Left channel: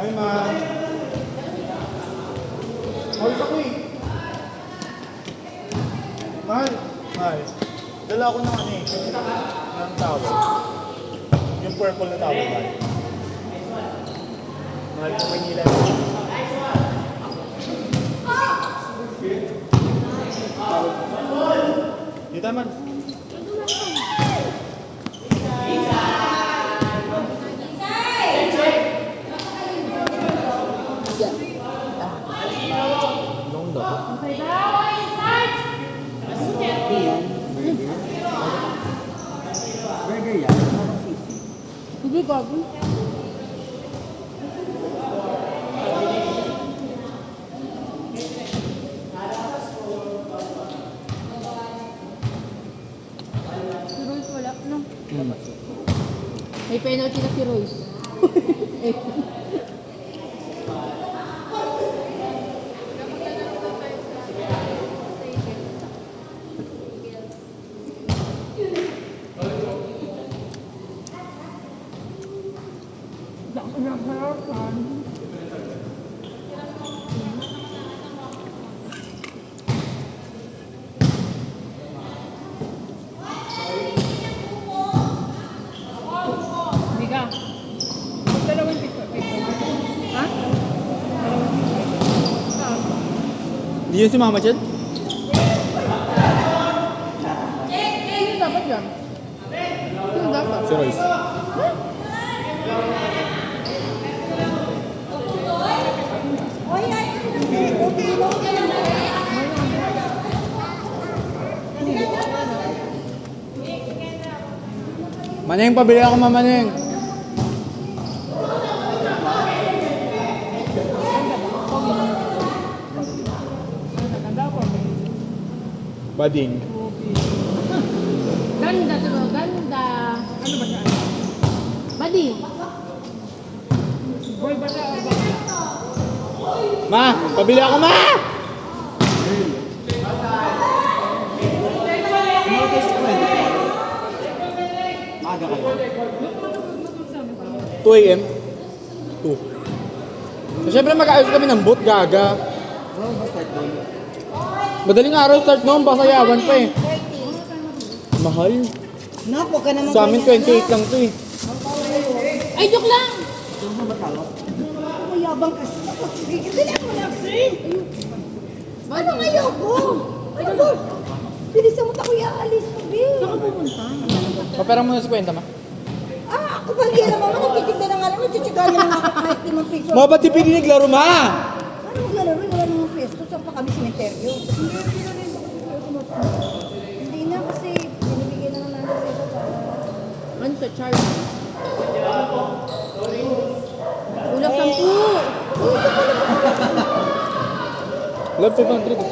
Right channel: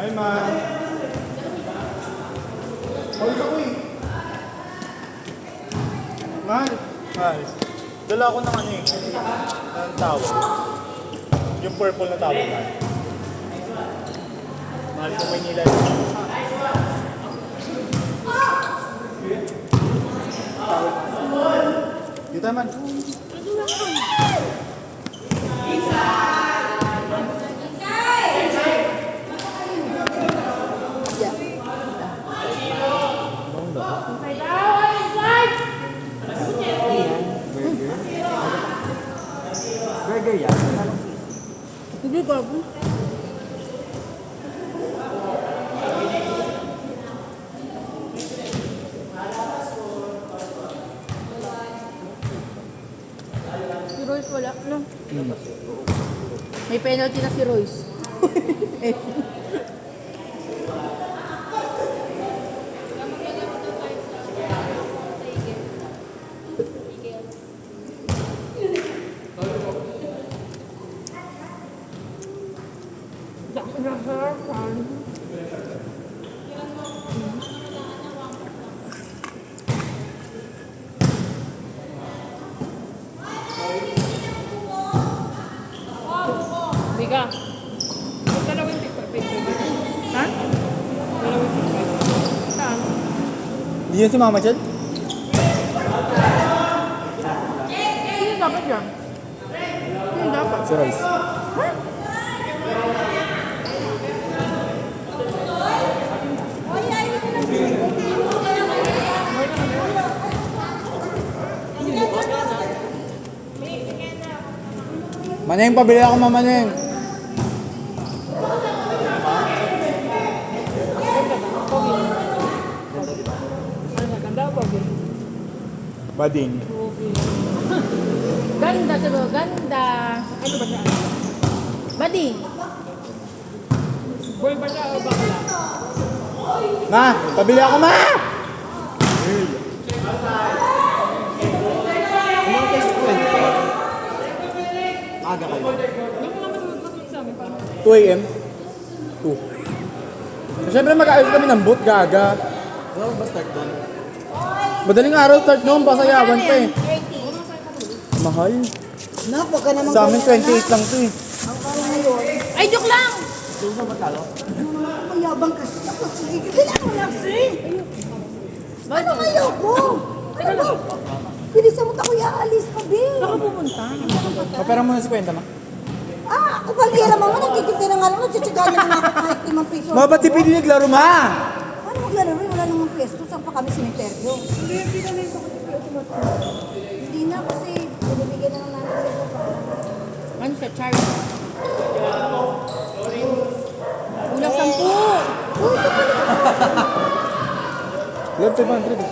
Hi, ma. Hold ako eh. Mahal. Hi. Dala ako ng ano eh. Ng towel. Yung purple na towel. Mahal ko Manila. Dito man. Hindi gago. Si Royce wala, no? May penalty na si Royce. Biga. Dalawang picture. Ha? Dalawang picture. Saan? Hindi yan si Mama Chad? Sino dapat yan? Sino dapat? Si Royce. Maneng, pabili ako Maneng. Bading. Ganda to, ganda. Badi. Ma, pabili ako ma! Maaga kayo. 2 a.m. 2. So, syempre mag-ayos kami ng boot, gaga. Saan ba start doon? Madaling araw start noon, basayawan pa eh. Mahal. Nak, huwag ka naman Sa amin 28 lang to eh. Ay, joke lang! mayabang kasi. Dala mo lang, sir. Ano kayo ko? Ano ba? Bilisan mo tayo alis pa, Bill. Saan ka pumunta? Papera mo na si Kwenta, ma. Ah, ako palira, mama. Nagtitipid na nga lang. Nagtitsagaan na lang ako kahit 5 piso. Ma, ba't di piniglaro, ma? Ano maglalaro? Wala namang pwesto. Saan pa kami simenteryo? Hindi na kasi binibigyan naman natin sa Ano siya, Charles? Unang 10. Oh, ito pala. Love 500 eh.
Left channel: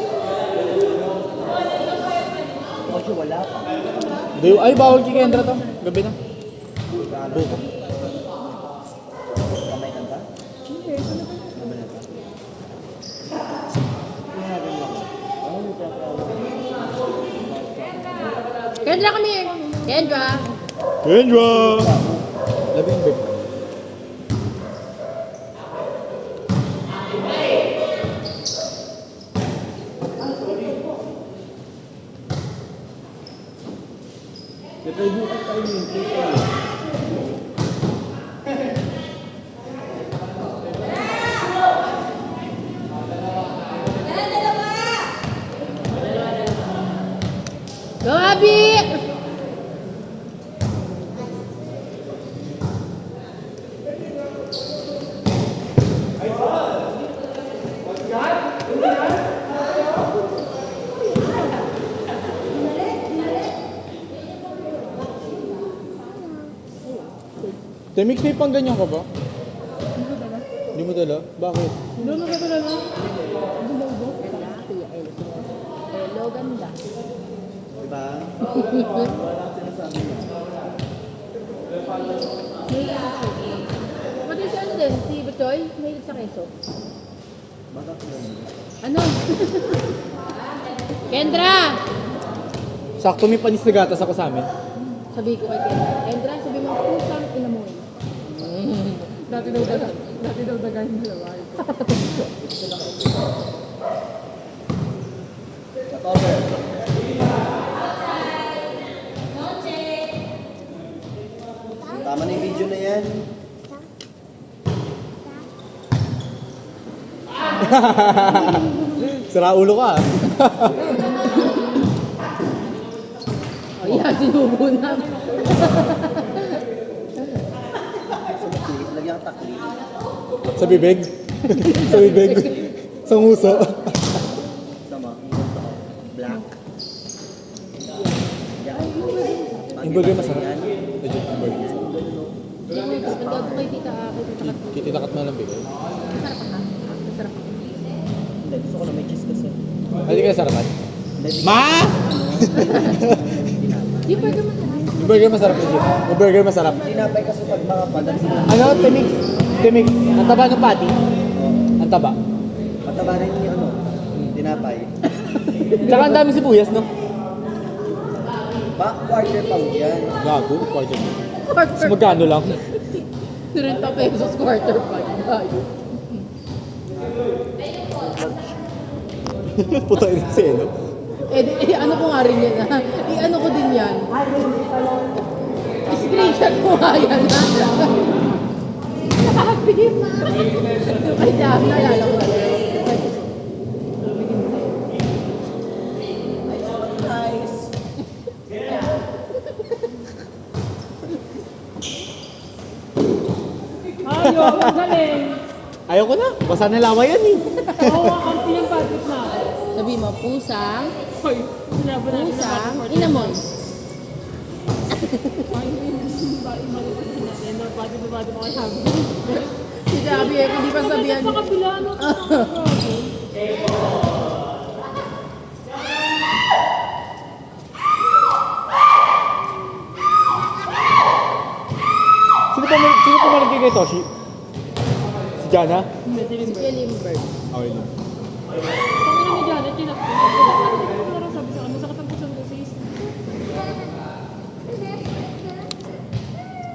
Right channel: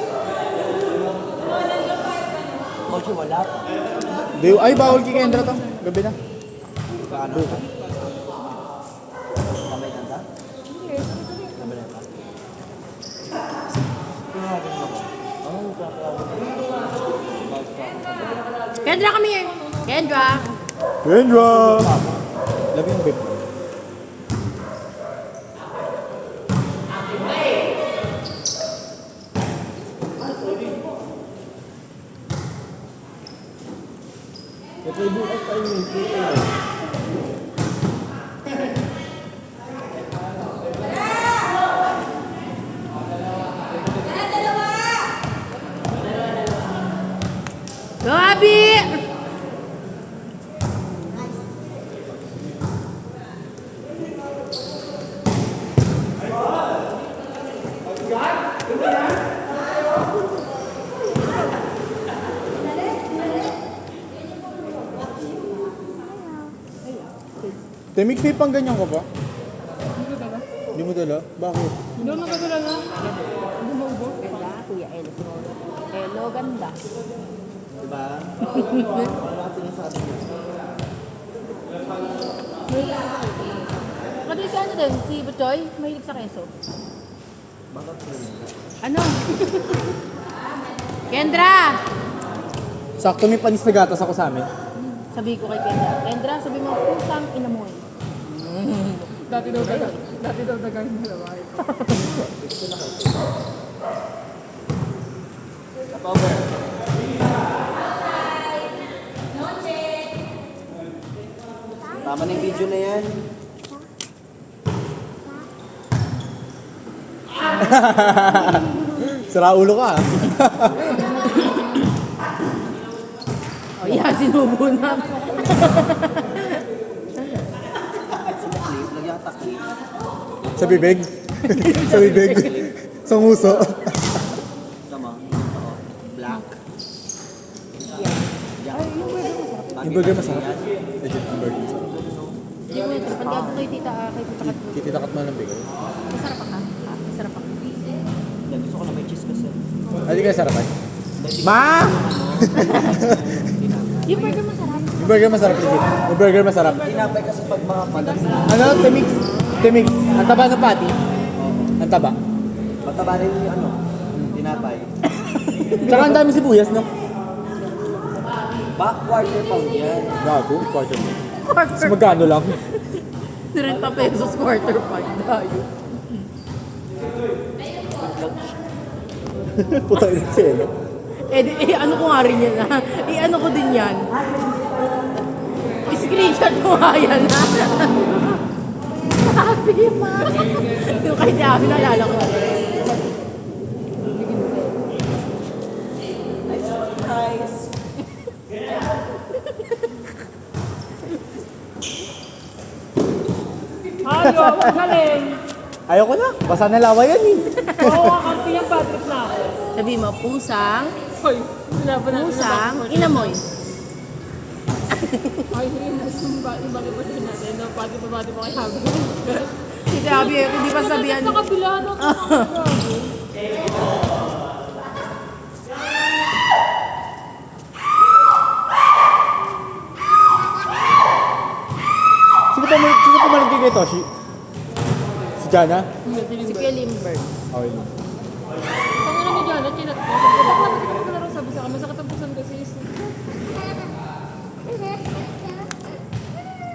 Medyo wala. Ay, bawal kay Kendra to. Gabi na. Buko. Kendra kami eh. Kendra. Kendra! Love yung babe. Gabi! Temix, may pang ganyan ka ba? mo dala? Bakit? Ganda, Kuya Elo. Elo, ganda. Diba? Pati si ano din, si Butoy, mahilig sa keso. Ano? Kendra! Sakto may panis na gatas ako sa amin. Sabi ko kay Kendra. Kendra, sabi mo, pusang inamoy. Dati daw dagan mo. Tama na yung video na yan. Sira ulo ka. Oh, yan, sinubo na. Clip, lagyan ka clip. Sa bibig. Sa bibig. Sa nguso. Sama. Black. Yung burger masarap. Legit yung burger masarap. Hindi mo ito, pag kay tita, kay tita Kat. Tititakat mo lang bigay. Masarap ka. Masarap ka. Hindi, gusto ko na may cheese kasi. Hindi ka sarapan. Ma! Yung burger masarap. Yung burger masarap legit. Yung burger masarap. Tinapay kasi pag mga padali. Ano? Timix. Timix. Ang taba ng patty. Ang taba. Mataba rin yung ano. Tinapay. Tsaka ang daming sibuyas, no? Back quarter pound yan. Gago. Quarter mo. Mas Quarter. magkano lang? 30 pesos quarter part. Tayo. Puta ina siya, no? Ano ko nga rin yan ha? Ano ko din yan? Screenshot ko nga yan ha? Sabi ma! Yung kay Diablo, nalala ko na yan. Ayaw ko na. Basa na lawa yan, eh. Sabi mo, pusang inamoy. Si Gabi, hindi pa sabihan. Sa kabila, no? Sino pa maligay kay Toshi? Si Jana? Si Kelimberg. Okay.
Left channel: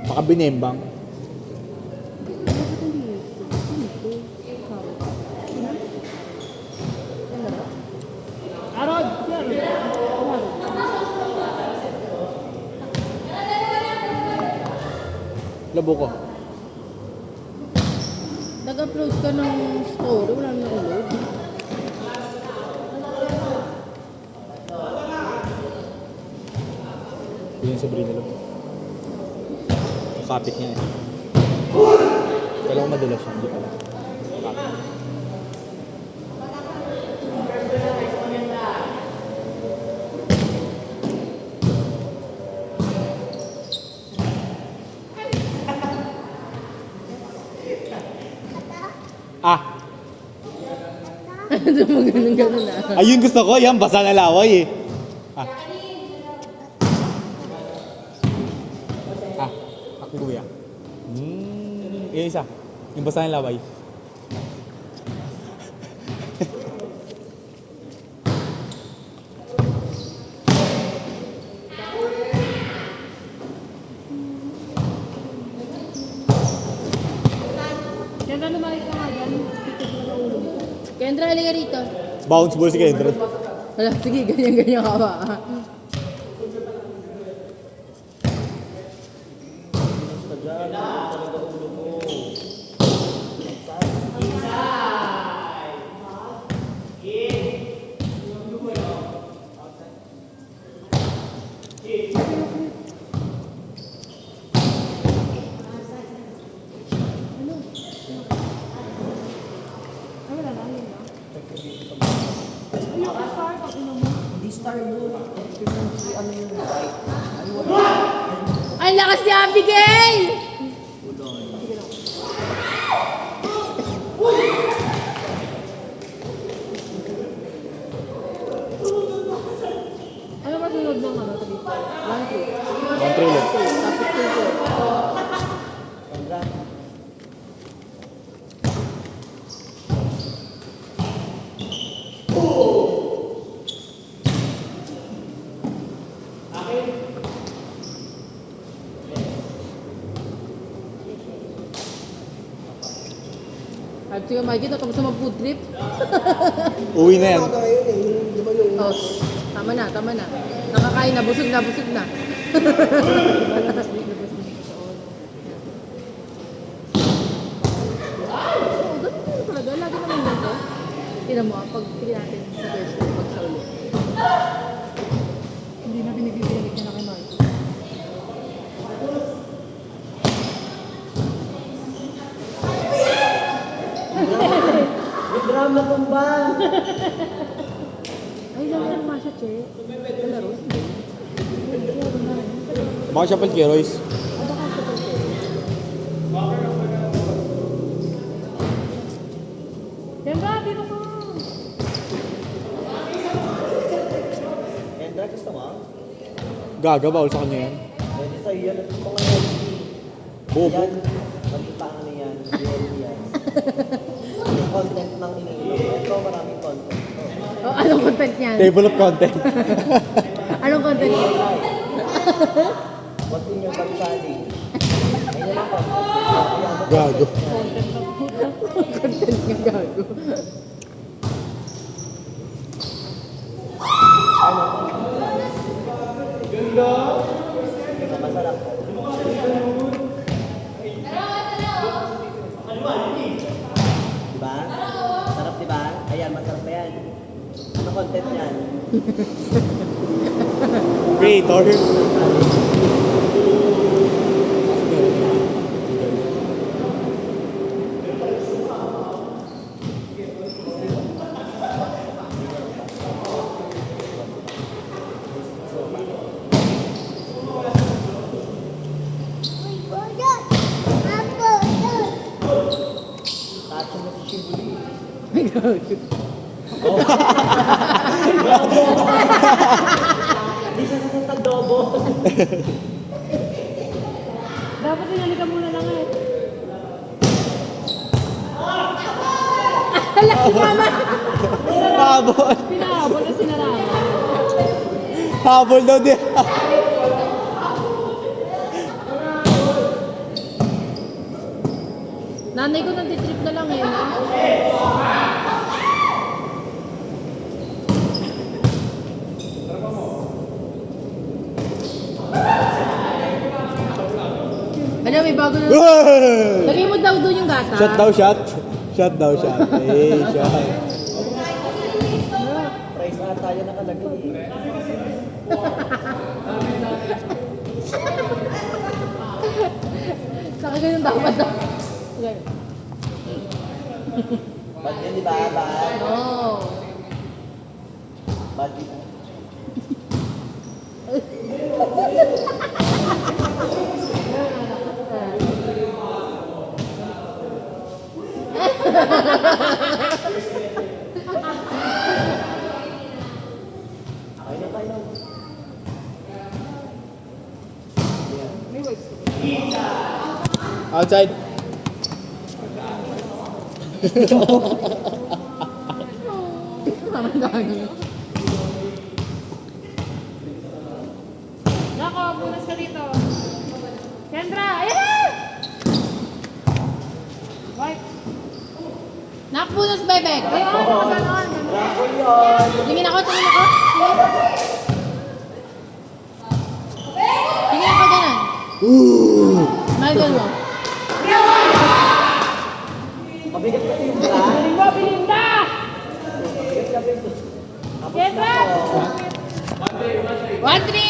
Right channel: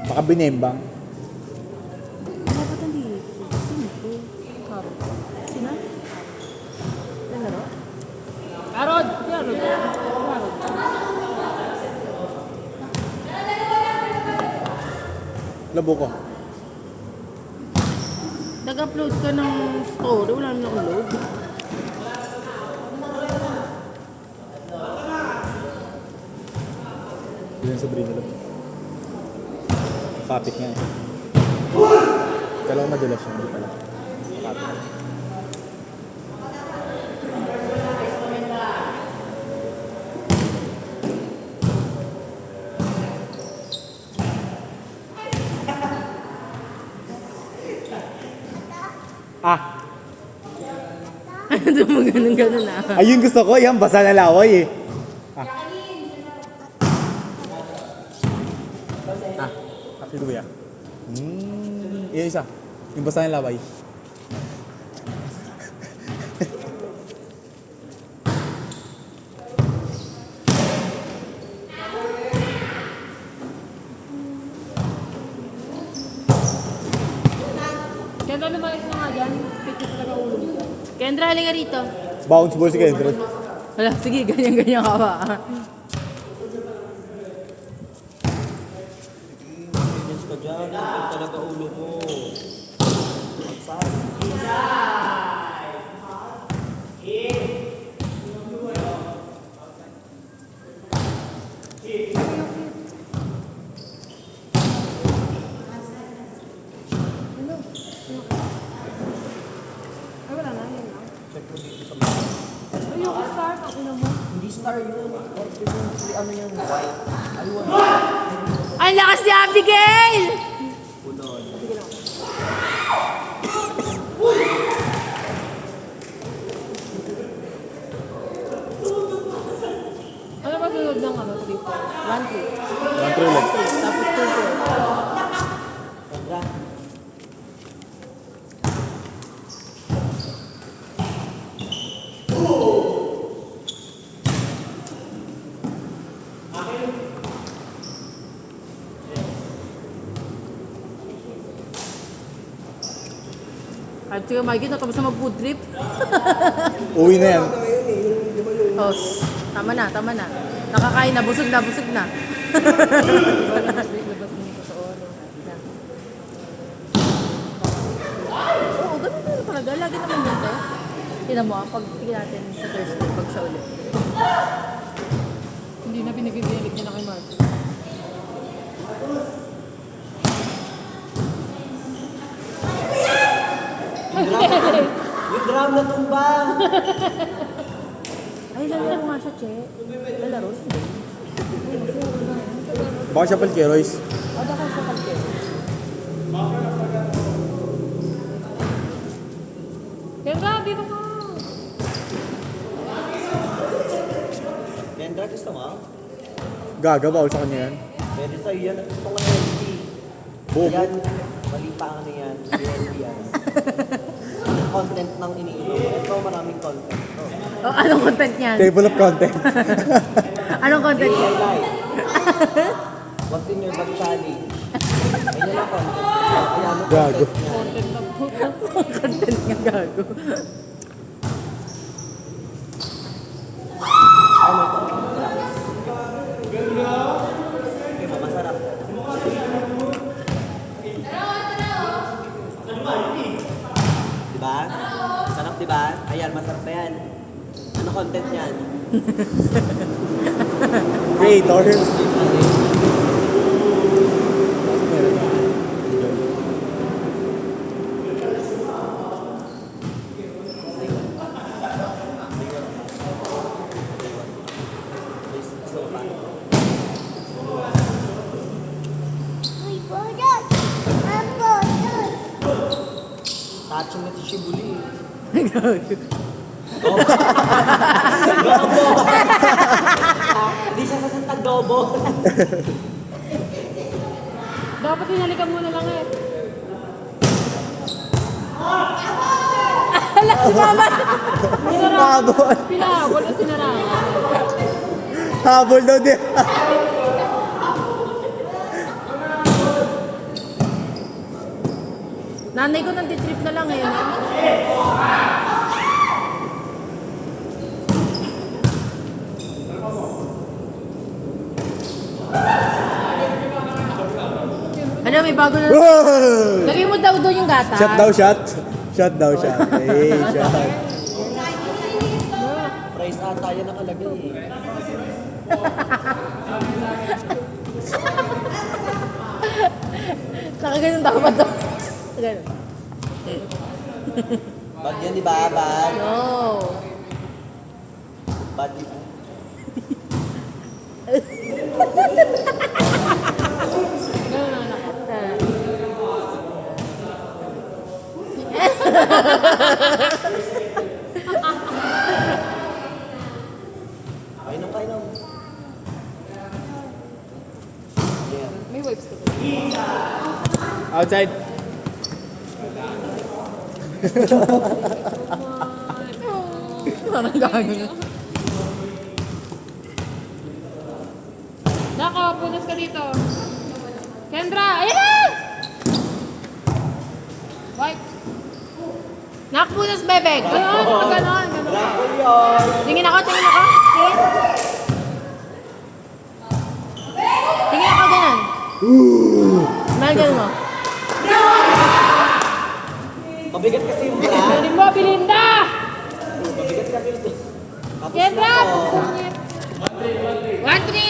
Baka binembang. Bakit hindi? Arod! Labo ko. Nag-upload ka ng story, wala naman upload. Yun sa Brino lang. Kapit niya. Kala ko madulas siya, hindi pala. Kapit. Ah! Ganun na. Ayun gusto ko, yan, basa na laway eh. Ah. Ah, happy kuya. Yung isa, yung basa na laway. Kendra, halika rito. Bounce ball si Kendra. Wala, sige, ganyan-ganyan ka ba? Ang lakas ni Abigail! Control eh. Tapos 2-2. At sige, Mikey, tapos na mag-food trip. Uwi na yan. Oh, tama na, tama na. Nakakain na, busog na, busog na. Oo, ganun din talaga. Lagi naman dito. Tingnan mo, pag pili natin sa first round, pag sa ulit. Hindi na binibigyan niya na kay Mark. Yung drum na tumbang! Ay, laro mo nga siya, Che. Laro. Baka siya pal Royce. Baka siya pag-Che. Ganda, dito ka. Kendra, gusto mo? Gaga, bawal sa kanya yan. Pwede sa'yo yan. Bobo. Yan. Mali pa ano yan. Yan. Content ng iniintay. Ito ba namin content? Oh, anong content niyan? Table of content. Anong content niyan? Continue the challenge. Gago. Content niya, gago. Diba? Sarap diba? Ayan, masarap na yan. Ano content yan? Creator. Action na si Shibuli. Di siya sa tadobo. Dapat hinalikan mo na lang eh. Alam si Mama! Habol. Pinahabol na sinara. Habol daw din. Nanay ko nang-trip na lang eh. Ano, may bago na. Whoa! Lagay mo daw doon yung gata. Shot daw, shot. Shot daw, shot. Hey, shot. Praise na tayo nakalagay. Saka ganun dapat daw. Ganun. Bad yan, di ba? Bad. No. Bad, di ba? Kain na, kain na. Outside. Parang gagawin. Nako, punas ka dito. Kendra, ayan na! White. Nak, punas, bebek. Ayan, ganon. Tingin ako, tingin ako. Tingin. Tingin ako, ganon. Smile ganun mo. Mabigat kasi yung bra. Galing mo, Belinda! Kendra! 1-3!